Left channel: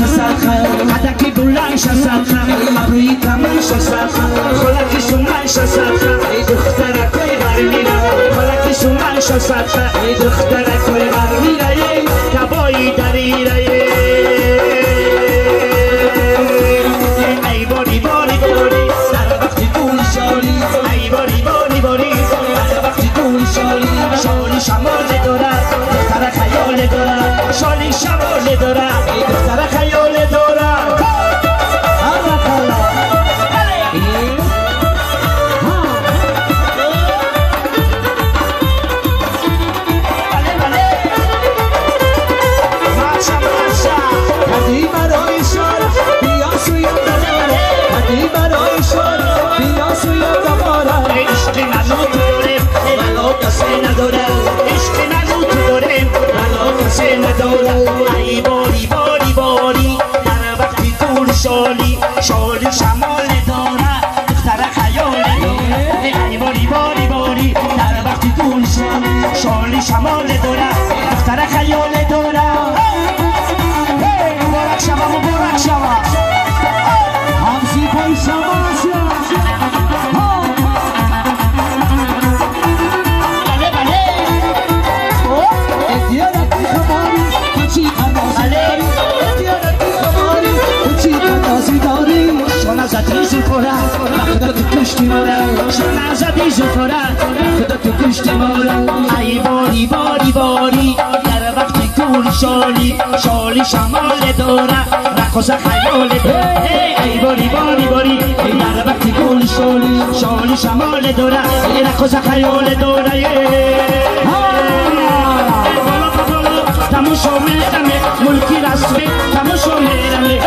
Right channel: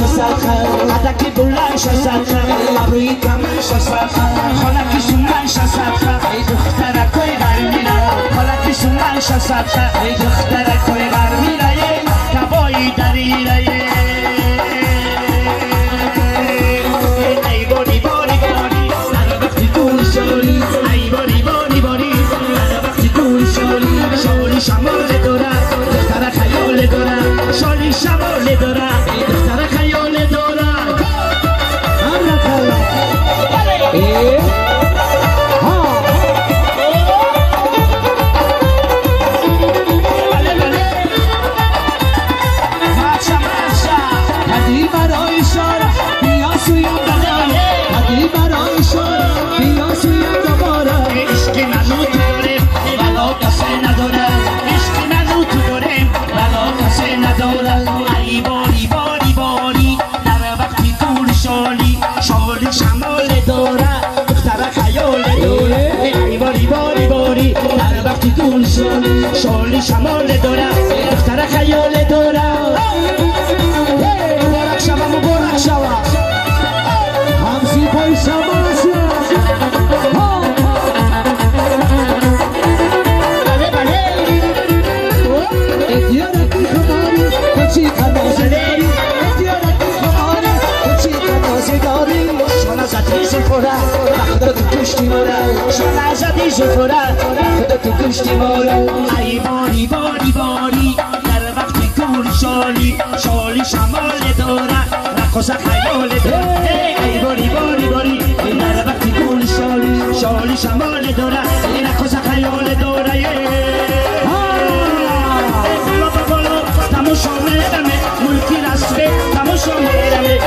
شسخه عدکی بلند شسخه ابروی کمن شسخه خالکی سومن شسخه دخترکوی غرمیره خالکی سومن شسخه دخترکوی غرمیره کبایی دریره ای باری باری باری در وقتی دوی شالی ای باری باری باری در وقتی دوی شالی شالی شمال داره دختر خیال داره شالی شمال داره دختر خیال داره ای باری باری باری در وقتی طول شالی شالی شمال داره دختر خیال داره ای باری باری باری در وقتی طول شالی شالی شمال داره دختر خیال داره برک شما برک شما همزی پای شما خدا تو کشتی مارا شما زدی زفره خدا تو کشتی مارا ای باری باری باری در وقتی طول شالی شالی شمال داره رقص خیال داره ای باری باری باری در وقتی طول شالی شالی شمال داره رقص خیال داره بالا بالا تماشا میرمه ملکی رسمه تماشا میرمه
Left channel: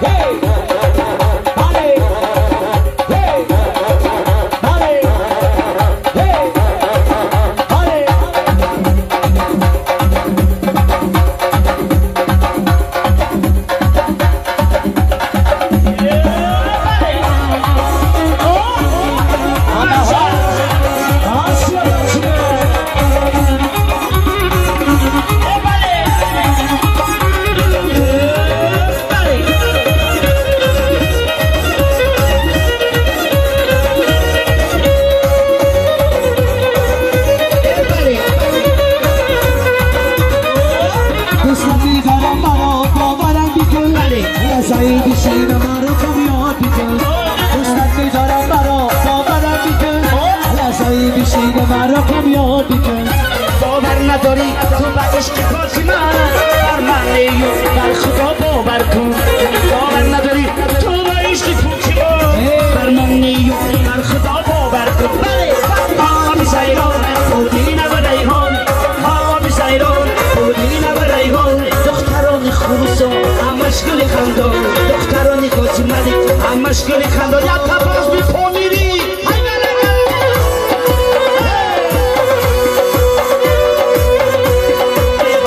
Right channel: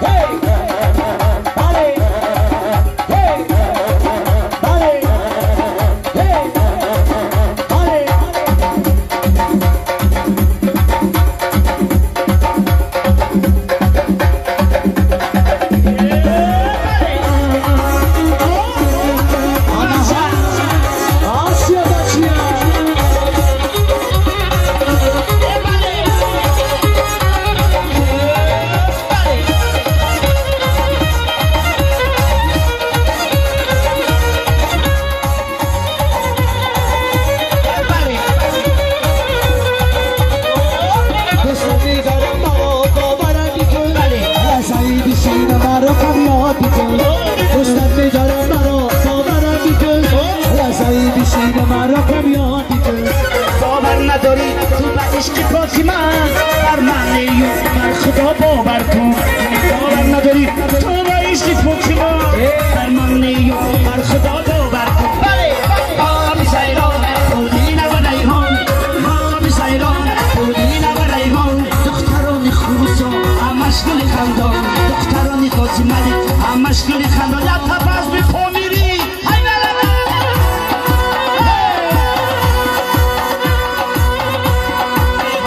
Hey! مشغول خندان دخترانی قاضی ملک هم مشغول خندان یا تباز بی پامیری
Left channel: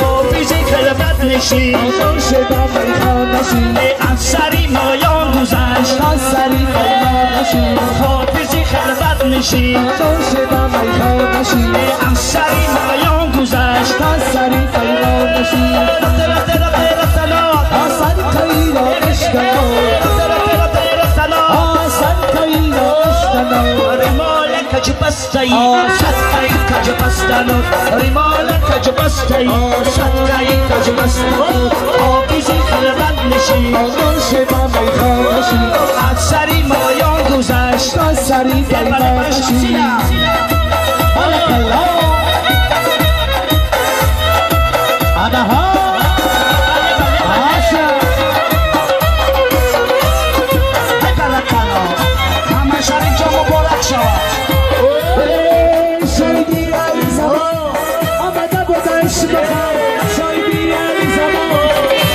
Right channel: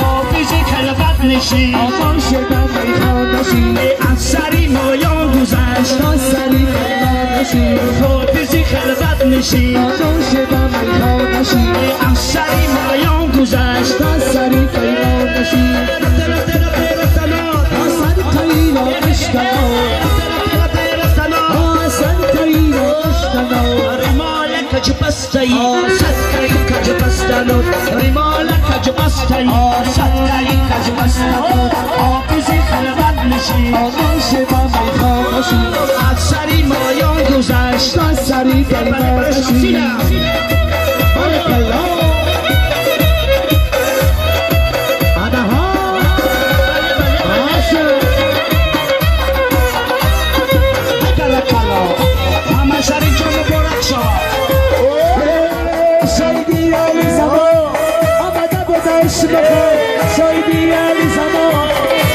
حافظی کلبت نشی آزان شدم ای خانشی افسری مایان گذشت ناصری فرمانشی حافظی کلبت نشی آزان شدم ای خانشی افسری مایان گذشت ناصری فرمانشی رفتنا آسان کایلا اشتنا آسان کایلا اشتنا ریمالک جبستی صدقی کجبستانو ریمالک جبستی صدقی کجبستانو حافظی خلبت نشی آزان شدم ای خانشی افسری مایان گذشت ناصری فرمانشی بارک الله آنها همه شریک جا مبارک شود شایدی علی زمان آمده بود عشق شایدی علی زمان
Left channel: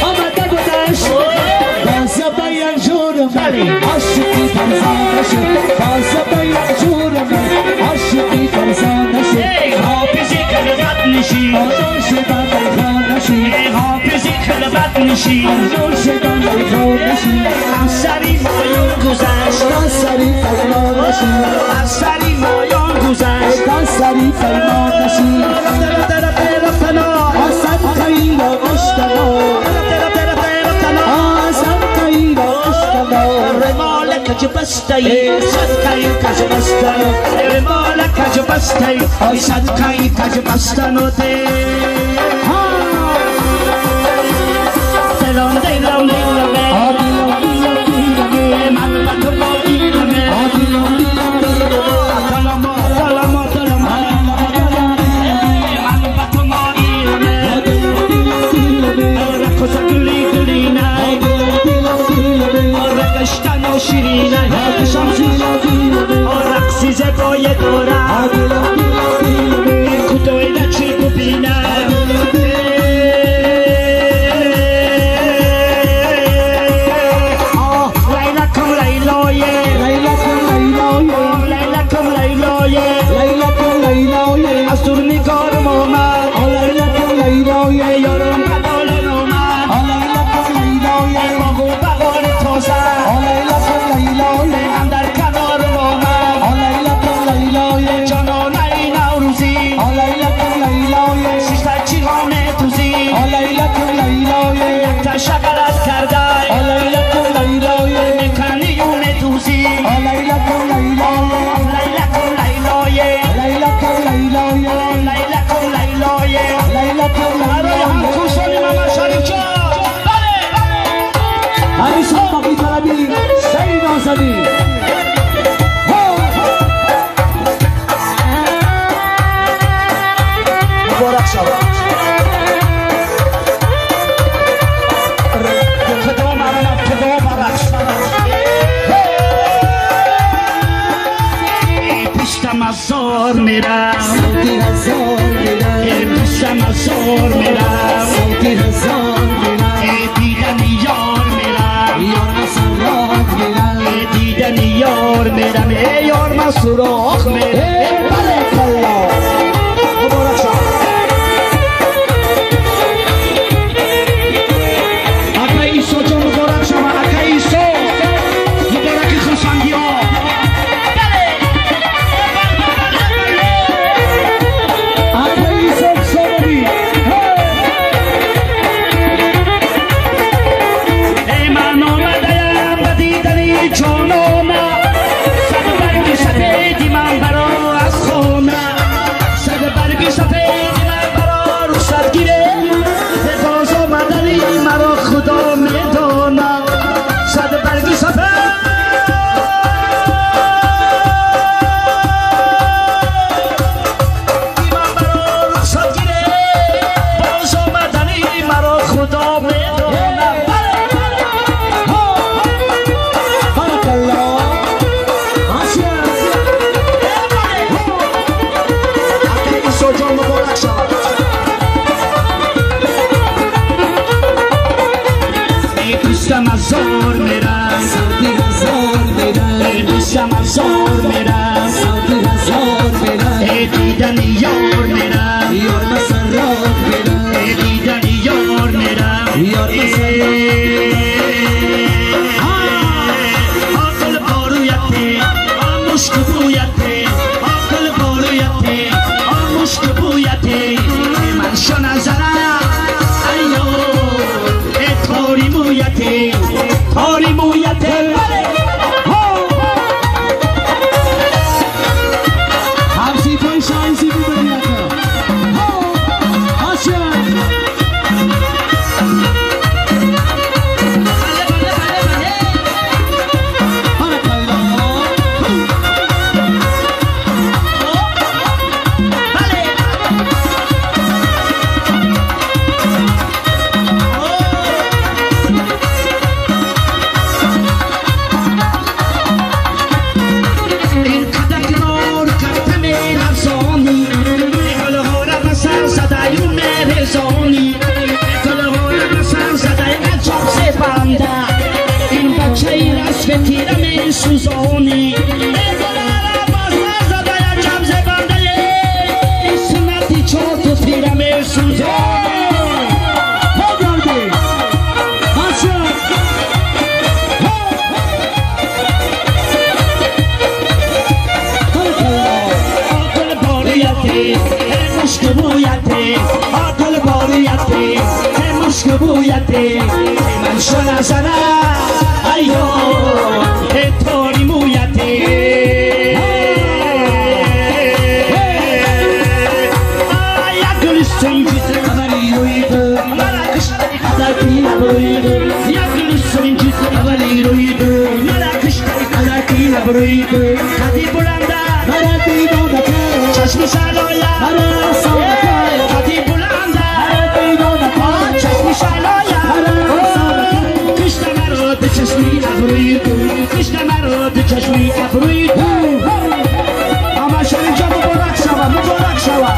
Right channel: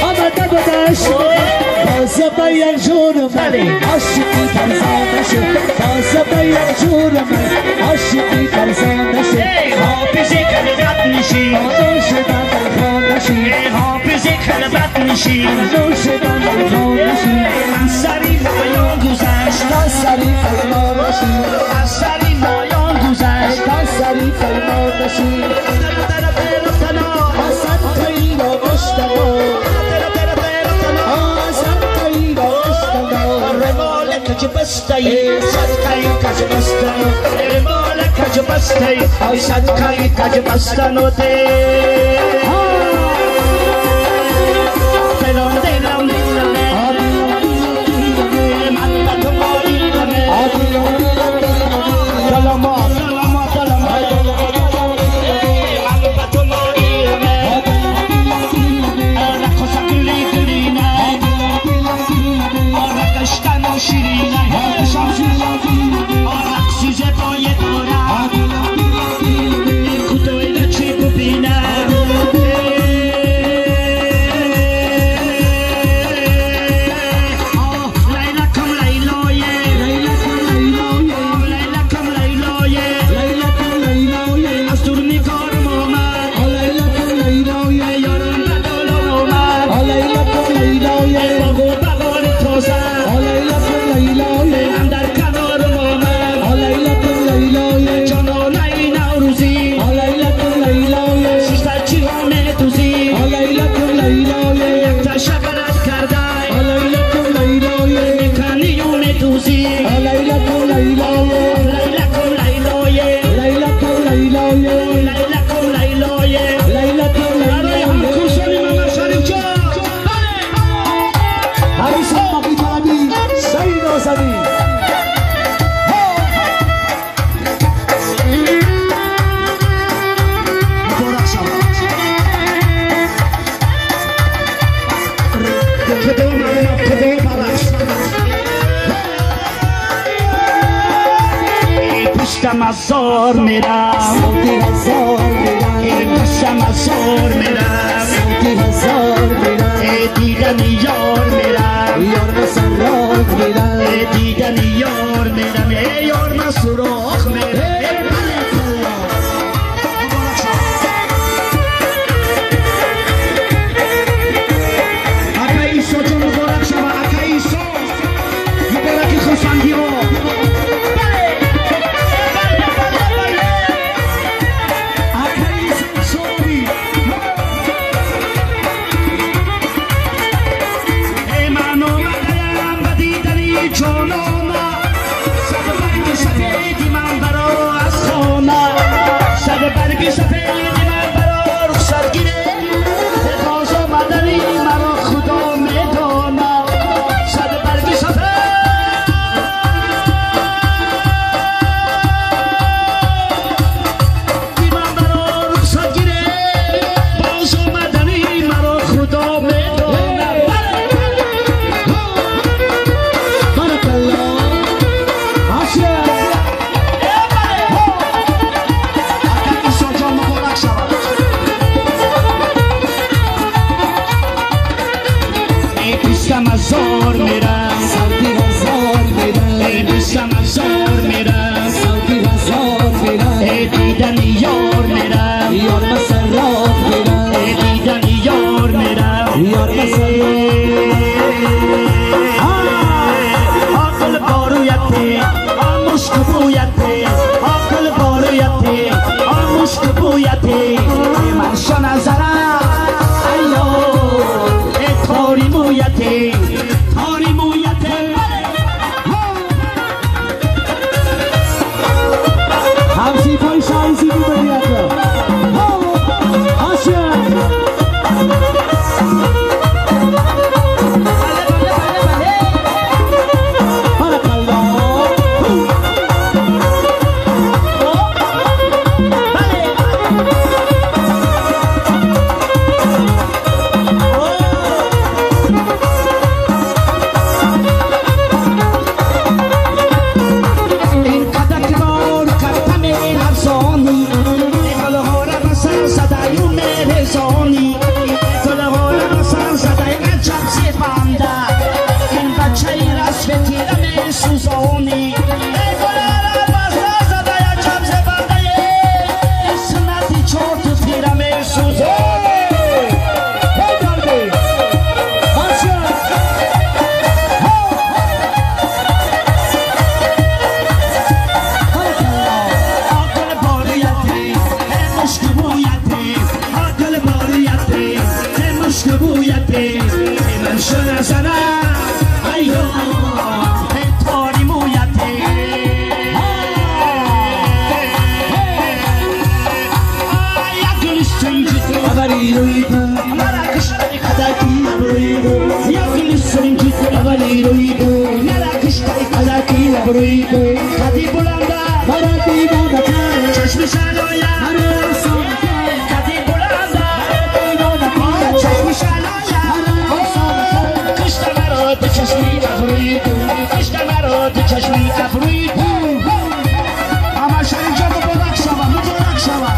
آمده بود عشق تازه به یک جور من عاشقی فرزانده شد تازه به یک جور من عاشقی فرزانده شد حافظی کلبت نشی آزان شدم ای خانشی حافظی کلبت نشی آزان شدم ای خانشی افسری مایان گذشت ناصری فرمانشی افسری مایان گذشت ناصری فرمانشی آسان کایلا اشتنا آسان کایلا اشتنا ریمالک جبستی صدقی کجبستانو ریمالک جبستی صدقی کجبستانو دلم دلم دلم من بطم ایرمه مزار میرم سعودی هزار میرم دوستم مزار میرم سعودی هزار میرم دیدن یار میرم یار مسرات میرم دیدن یار میرم یار عقل بارویته مشک بویته عقل بارویته مشک بویته من شو نظرم ایو تاری مویته تاری مویته همسی پای شایزی میبریده آسیا سوزانی سنتی چوت پیرم سوزانی عقل باریتی مشک بویتی عقل باریتی مشک بویتی من شو نظرم ایو کدی بلنده چشم شلایا کدی بلنده چشم شلایا کشت مرا تو چشمی نبرید کشت مرا تو چشمی نبرید اما شنجا مبارک شوا مبارک شوا